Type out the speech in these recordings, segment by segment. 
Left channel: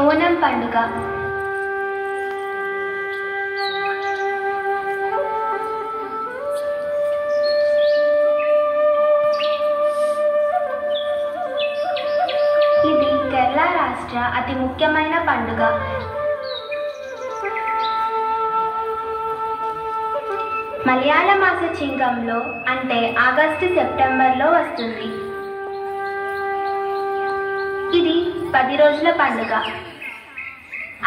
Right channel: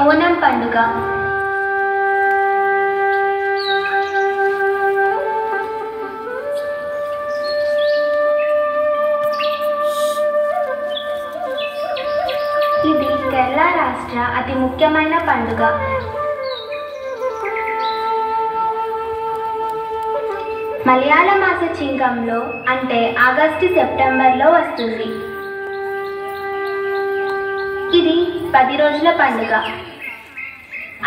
ఓనం పండుగ ఇది కేరళ రాష్ట్ర అతి ముఖ్యమైన పండుగ. మలయాళ మాస చింగంలో అంటే ఆగస్టు సెప్టెంబర్లో వస్తుంది. ఇది 10 రోజుల పండుగ.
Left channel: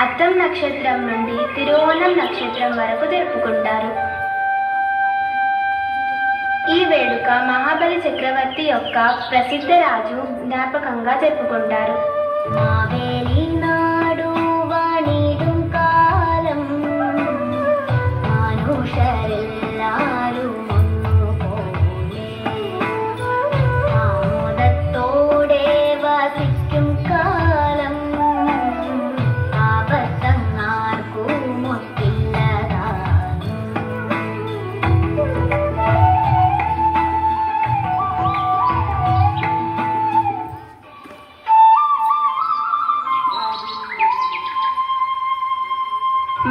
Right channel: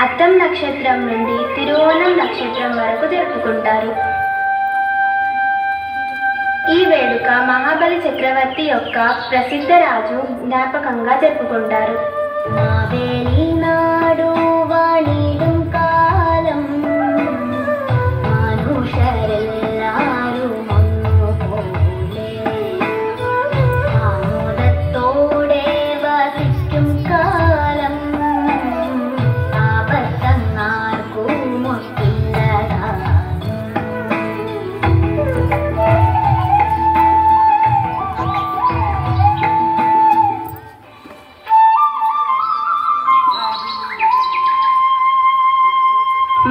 అత్తం నక్షత్రం నుండి తిరువోణం నక్షత్రం వరకు జరుపుకుంటారు. ఈ వేడుక మహాబలి చక్రవర్తి యొక్క ప్రసిద్ధ రాజు జ్ఞాపకంగా జరుపుకుంటారు.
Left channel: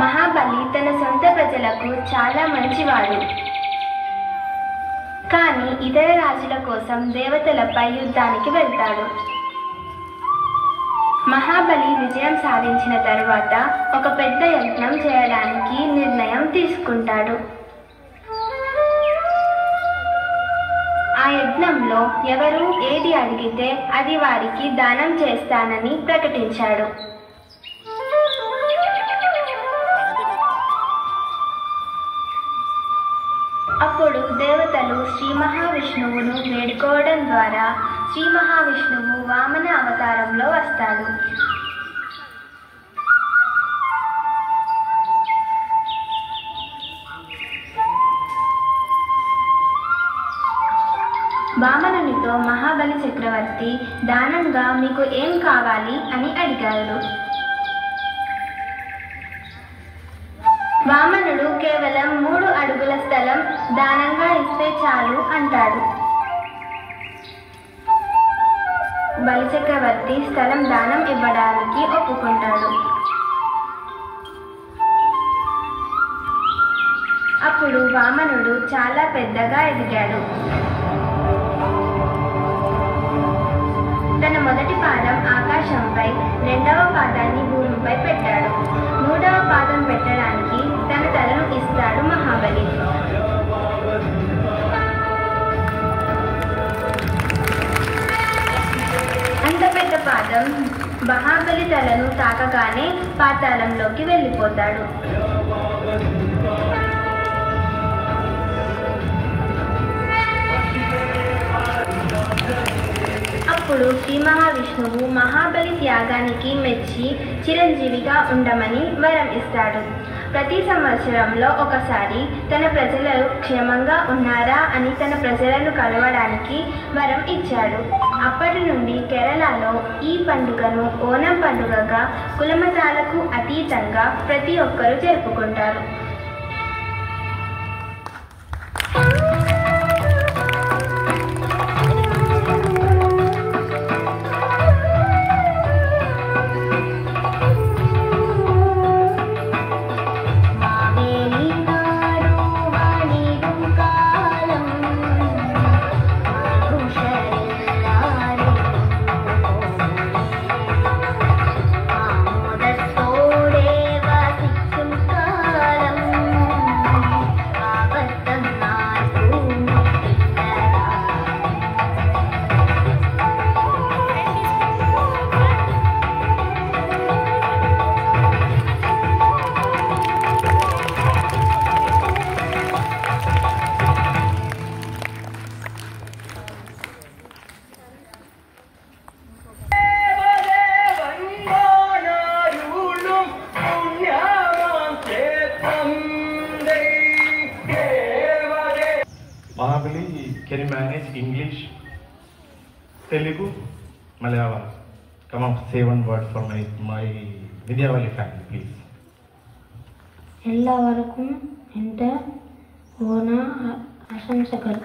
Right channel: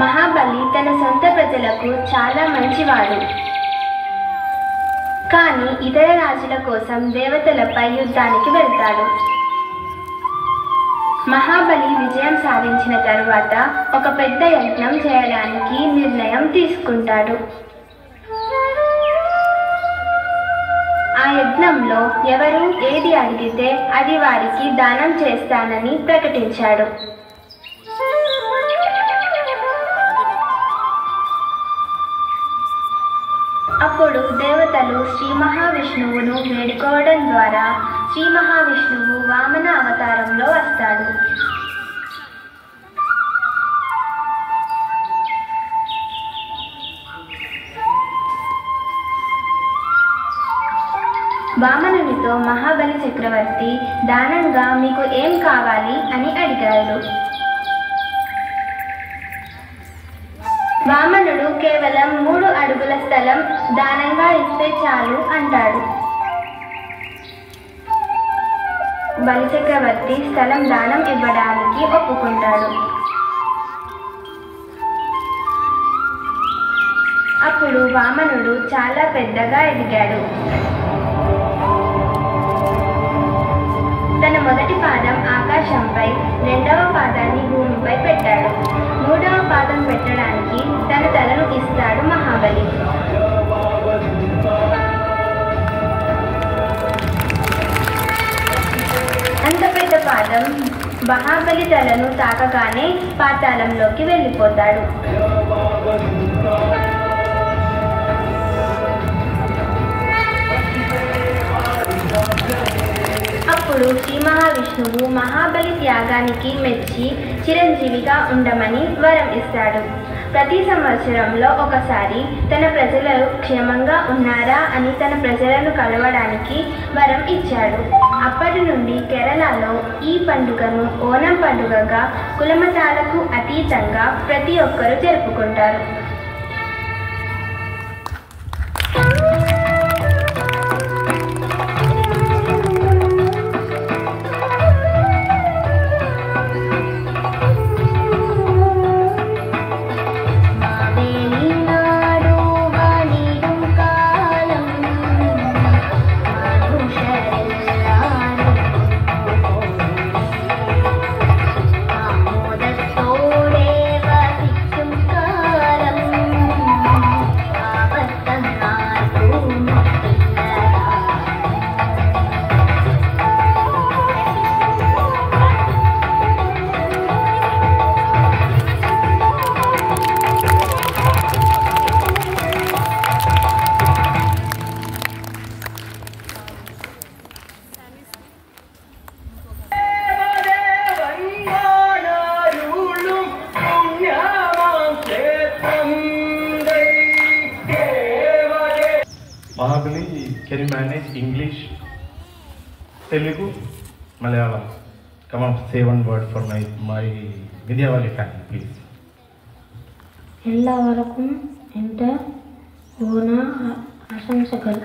మహాబలి తన సొంత ప్రజలకు చాలా మంచివాడు. కానీ ఇతర రాజుల కోసం దేవతలపై యుద్ధానికి వెళ్తాడు. మహాబలి విజయం సాధించిన తరువాత ఒక పెద్ద యజ్ఞం చేయడానికి నిర్ణయం తీసుకుంటాడు. ఆ యజ్ఞంలో ఎవరు ఏది అడిగితే అది వారికి దానం చేస్తానని ప్రకటించాడు. అప్పుడు దేవతలు శ్రీ మహావిష్ణువును వేడుకోవడం ద్వారా శ్రీ మహావిష్ణువు వామన అవతారంలో వస్తాడు. వామనునితో మహాబలి చక్రవర్తి దానంగా మీకు ఏం కావాలి అని అడిగాడు. వామనుడు కేవలం 3 అడుగుల స్థలం దానంగా ఇస్తే చాలు అంటాడు. బలిచక్రవర్తి స్థలం దానం ఇవ్వడానికి ఒప్పుకుంటాడు. అప్పుడు వామనుడు చాలా పెద్దగా ఎదిగాడు. తన మొదటి పాదం ఆకాశంపై, రెండవ పాదాన్ని భూమిపై పెట్టాడు. మూడవ పాదం పెట్టడానికి తన తలను ఇస్తాడు మహాబలి. అంత పెద్ద పాదం మహాబలి తలను తాకగానే పాతాళంలోకి వెళ్ళిపోతాడు. అప్పుడు శ్రీ మహావిష్ణువు మహాబలి త్యాగానికి మెచ్చి చిరంజీవిగా ఉండమని వరం ఇస్తాడు. ప్రతి సంవత్సరంలో ఒకసారి తన ప్రజలు క్షేమంగా ఉన్నారా అని తన ప్రజలను కలవడానికి వరం ఇచ్చాడు. అప్పటి నుండి కేరళలో ఈ పండుగను ఓనం పండుగగా కులమతాలకు అతీతంగా ప్రతి ఒక్కరూ జరుపుకుంటారు. Mahabali, can you manage English, Telugu, Malayalam? Come on, say one word for my Vidyavali family, please. ಎಲ್ಲವರಕ್ಕೂ ಎಂತ ಓಣ ಆಶಂಸೆಗಳು.